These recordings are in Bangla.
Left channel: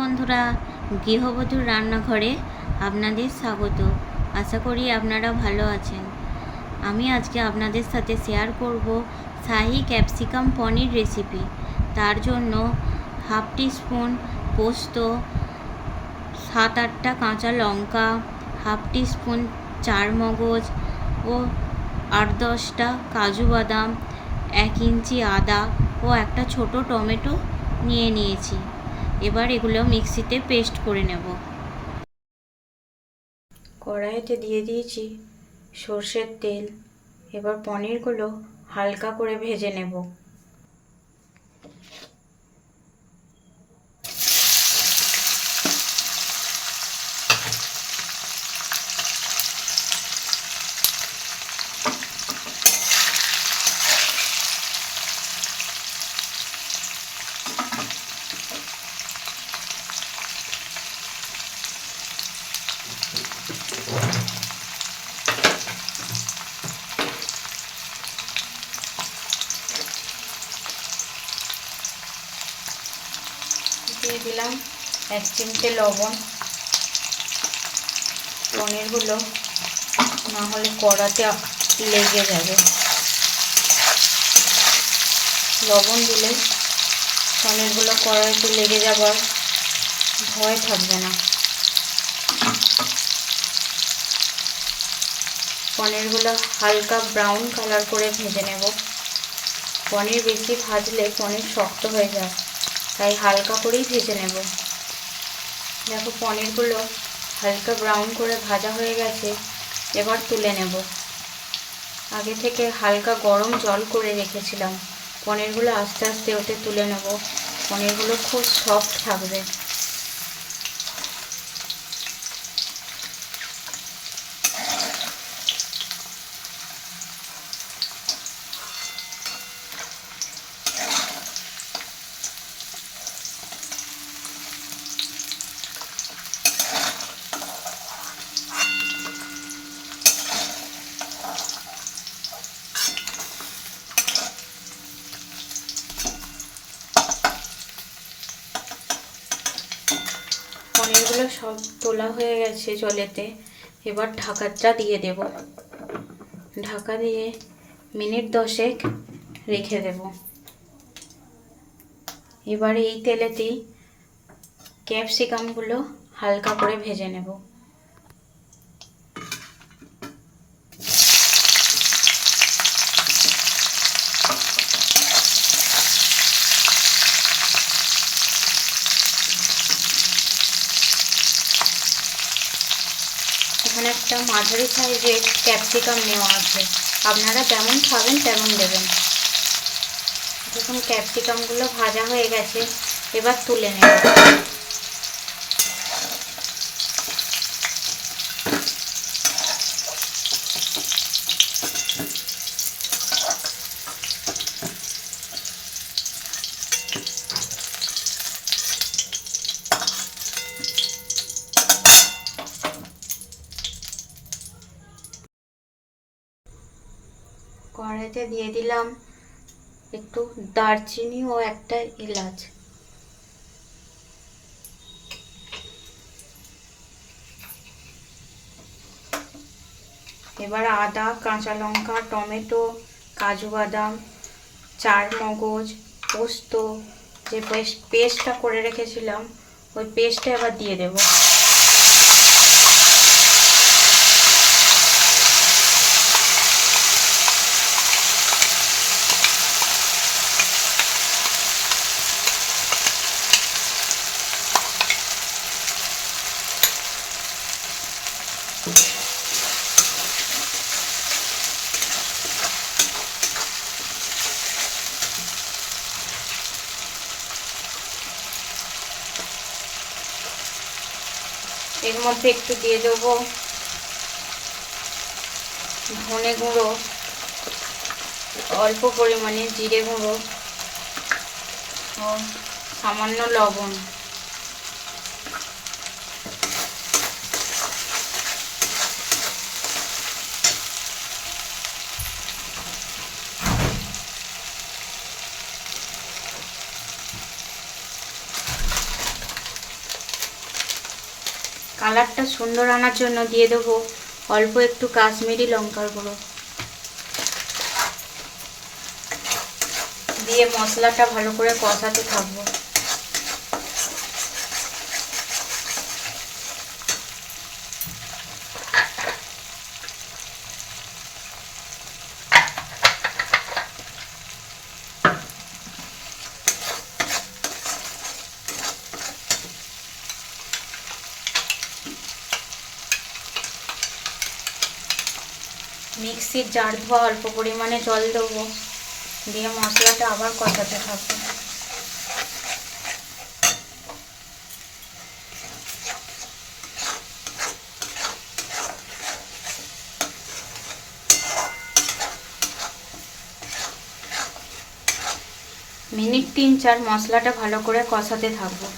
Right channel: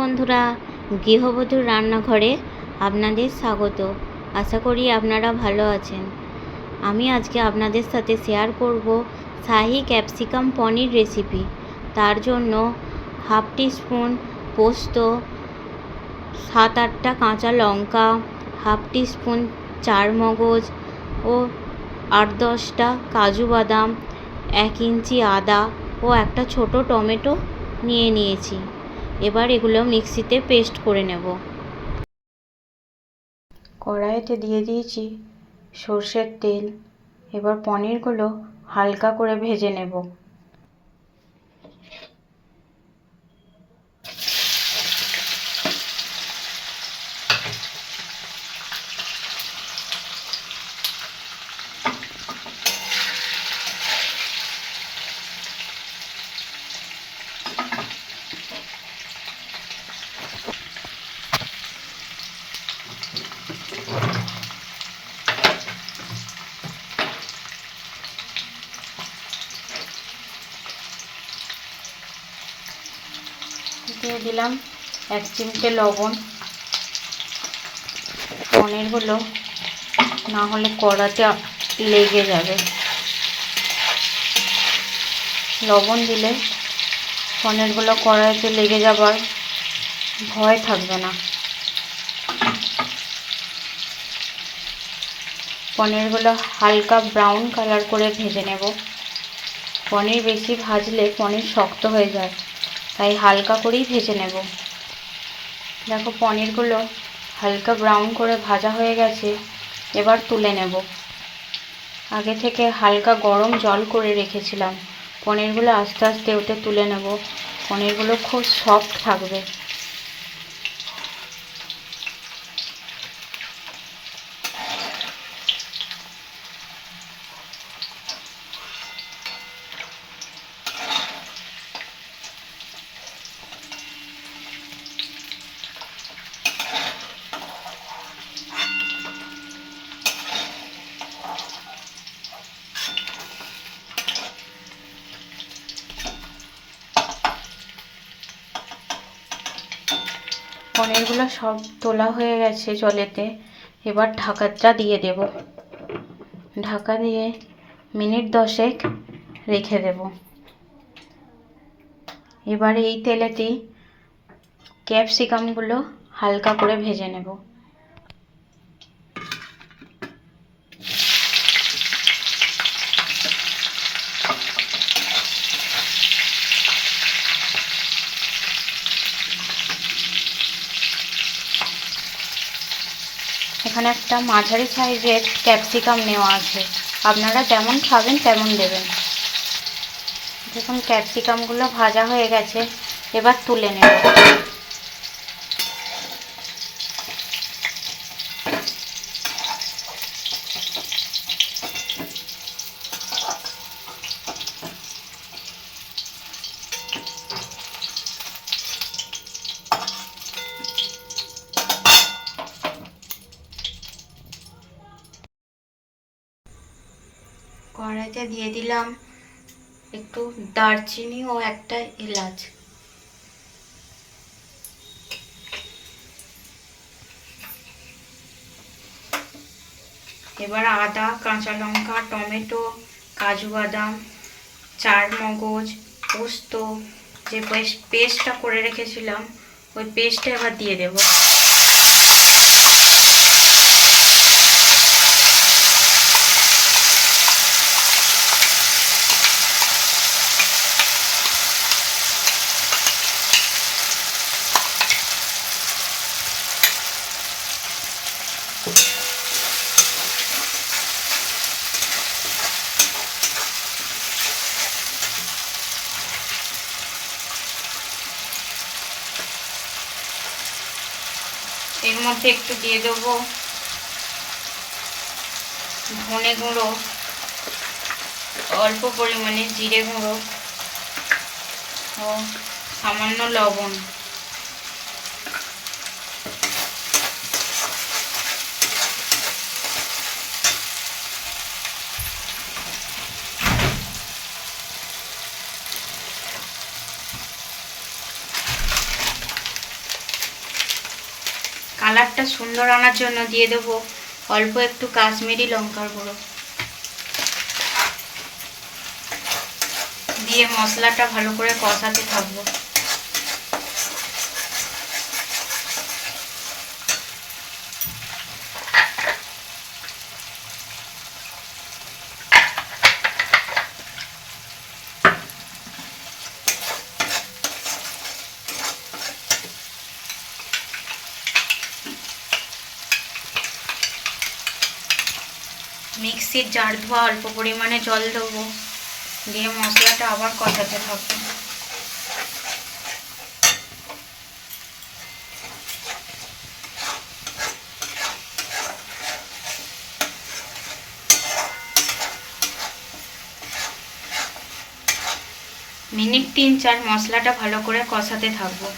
বন্ধুরা, গৃহবধূর রান্নাঘরে আপনাদের স্বাগত। আশা করি আপনারা ভালো আছেন। আমি আজকে আপনাদের সাথে শেয়ার করব শাহি ক্যাপসিকাম পনির রেসিপি। তার জন্য হাফ টিস্পুন পোস্ত, 7-8টা কাঁচা লঙ্কা, হাফ টিস্পুন চারমগজ ও 8-10টা কাজু বাদাম, 1 ইঞ্চি আদা ও একটা ছোট টমেটো নিয়েছি। এবার এগুলো মিক্সিতে পেস্ট করে নেব। কড়াইতে দিয়ে দিয়েছি সর্ষের তেল। এবার পনিরগুলো হালকা করে ভেজে নেব। দিয়ে দিলাম 1 চিমটে লবণ। পনিরগুলো না হলে কড়াতে লেগে যাবে। লবণ দিলে পনিরগুলো কড়াইতে লেগে যাবার ভয় থাকবে না। পনিরগুলো হালকা ব্রাউন কালার করে ভেজে নেব। পনির বেশি ভাজলে পনির শক্ত হয়ে যায়, তাই হালকা করেই ভেজে নেব। দেখো, পনিরগুলো হালকা ব্রাউন করে ভাজা হয়ে গেছে। এবার তুলে নেব। আগে থেকে হালকা গরম জল করে রেখেছিলাম। পনিরগুলো আস্তে আস্তে ওতে তুলে নেব। পনিরগুলো খুব সফট থাকবে। পনিরগুলো সব তোলা হয়ে গেছে জলেতে। এবার ঢাকাটা দিয়ে দেব। ঢাকা দিয়ে মিনিট 10 রেখে দেব। এবার এই তেলেতেই ক্যাপসিকামগুলো হালকা করে ভেজে নেব। এখানে একটা মাঝারি সাইজের ক্যাপসিকাম নেওয়া আছে। আপনারা যেমন খাবেন তেমন দেবেন। দেখুন, ক্যাপসিকামগুলো ভাজা হয়ে গেছে। এবার তুলে নেব। কড়াইতে দিয়ে দিলাম একটু দারচিনি ও একটা এলাচ। এবার আদা, কাঁচা লঙ্কা, টমেটো, কাজু বাদাম, চারমগজ, পোস্ত যে পেস্টটা করে রেখেছিলাম ওই পেস্টটা এবার দিয়ে দেব। এর মধ্যে একটু দিয়ে দেবো ধনে গুঁড়ো, অল্প পরিমাণে জিরে গুঁড়ো ও সামান্য লবণ। কালারটা সুন্দর আনার জন্য দিয়ে দেবো অল্প একটু কাশ্মীরি লঙ্কার গুঁড়ো, দিয়ে মশলাটা ভালো করে কষাতে থাকবো। মিক্সির জার ধোয়া অল্প পরিমাণে জল দেবো, দিয়ে মশলাটা আবার কষাতে থাকবো। মিনিট 3-4 মশলাটা ভালো করে কষাতে থাকবো।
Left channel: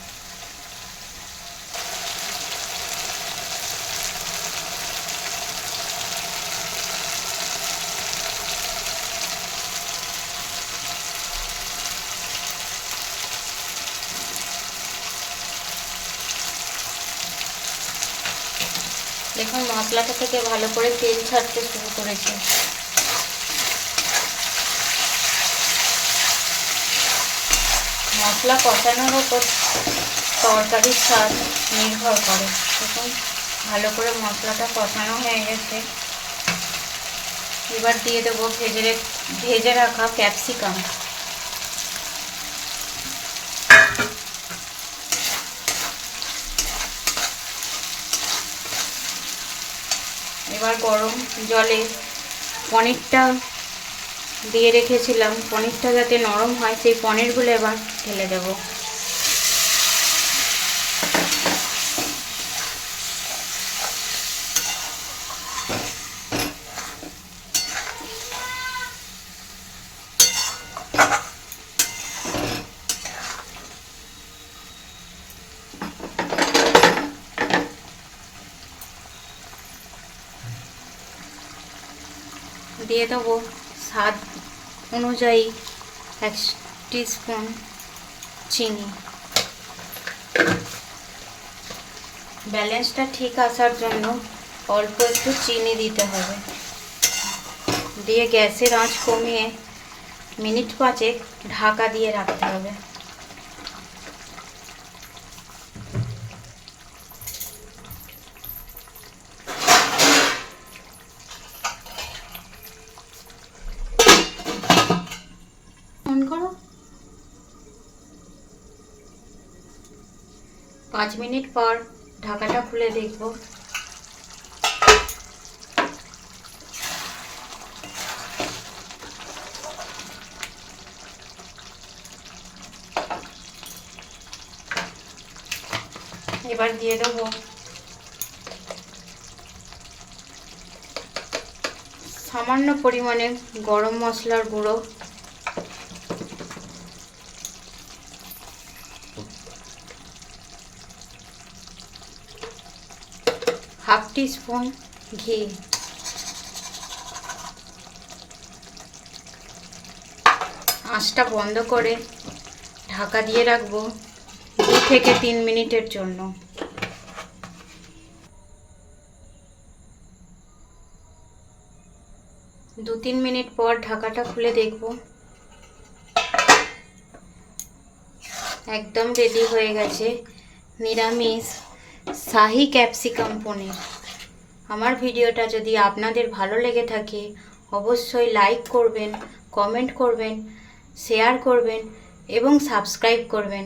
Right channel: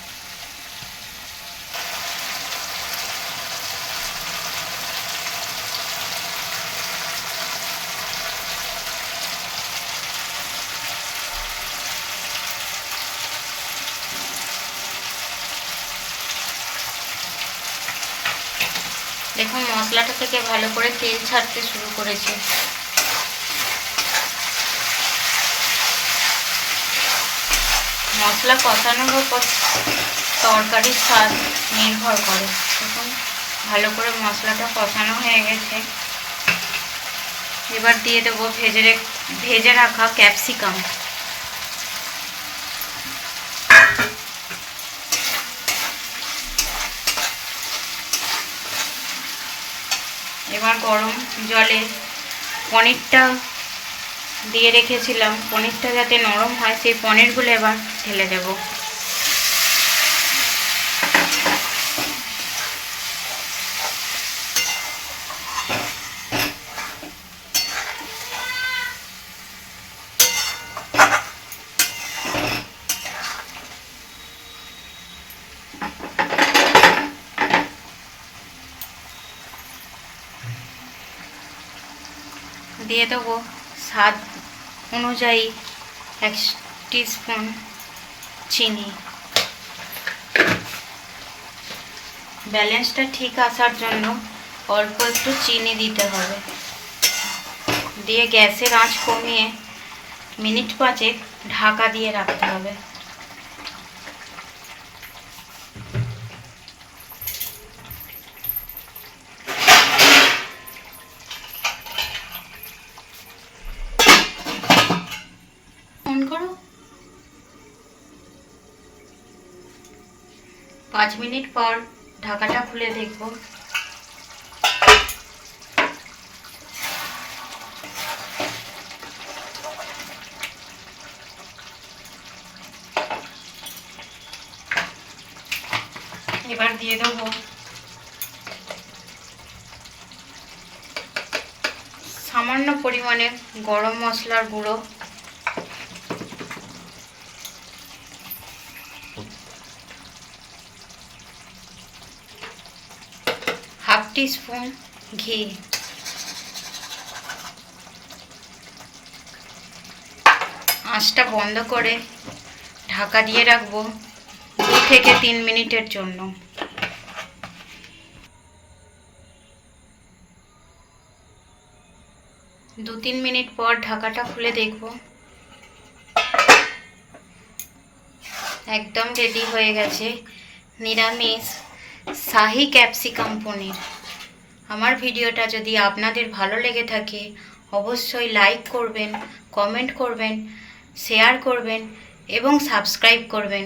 দেখুন মশলাটা থেকে ভালো করে তেল ছাড়তে শুরু করেছে। মশলা কষানোর ওপর তরকারির স্বাদ নির্ভর করে। দেখুন ভালো করে মশলাটা কষানো হয়ে গেছে। এবার দিয়ে দেবো ভেজে রাখা ক্যাপসিকাম। এবার গরম জলে পনিরটা দিয়ে রেখেছিলাম, পনিরটা যাতে নরম হয় সেই পনিরগুলো এবার ঢেলে দেব। দিয়ে দেবো স্বাদ অনুযায়ী 1 টিস্পুন চিনি। ব্যালেন্সটা ঠিক আসার জন্য অল্প একটু চিনি দিতে হবে। দিয়ে গ্যাসের আঁচ কমিয়ে মিনিট 5 ঢাকা দিয়ে রাখতে হবে। অন করো। 5 মিনিট পর ঢাকাটা খুলে দেখব। এবার দিয়ে দেবো সামান্য পরিমাণে গরম মশলার গুঁড়ো, হাফ টিস্পুন ঘি। আঁচটা বন্ধ করে ঢাকা দিয়ে রাখবো 2 থেকে 3 মিনিটের জন্য। 2-3 মিনিট পর ঢাকাটা খুলে দেখব। একদম রেডি হয়ে গেছে নিরামিষ শাহি ক্যাপসিকাম পনির। আমার ভিডিওটা যদি আপনাদের ভালো লেগে থাকে অবশ্যই লাইক করবেন, কমেন্ট করবেন, শেয়ার করবেন এবং সাবস্ক্রাইব করবেন।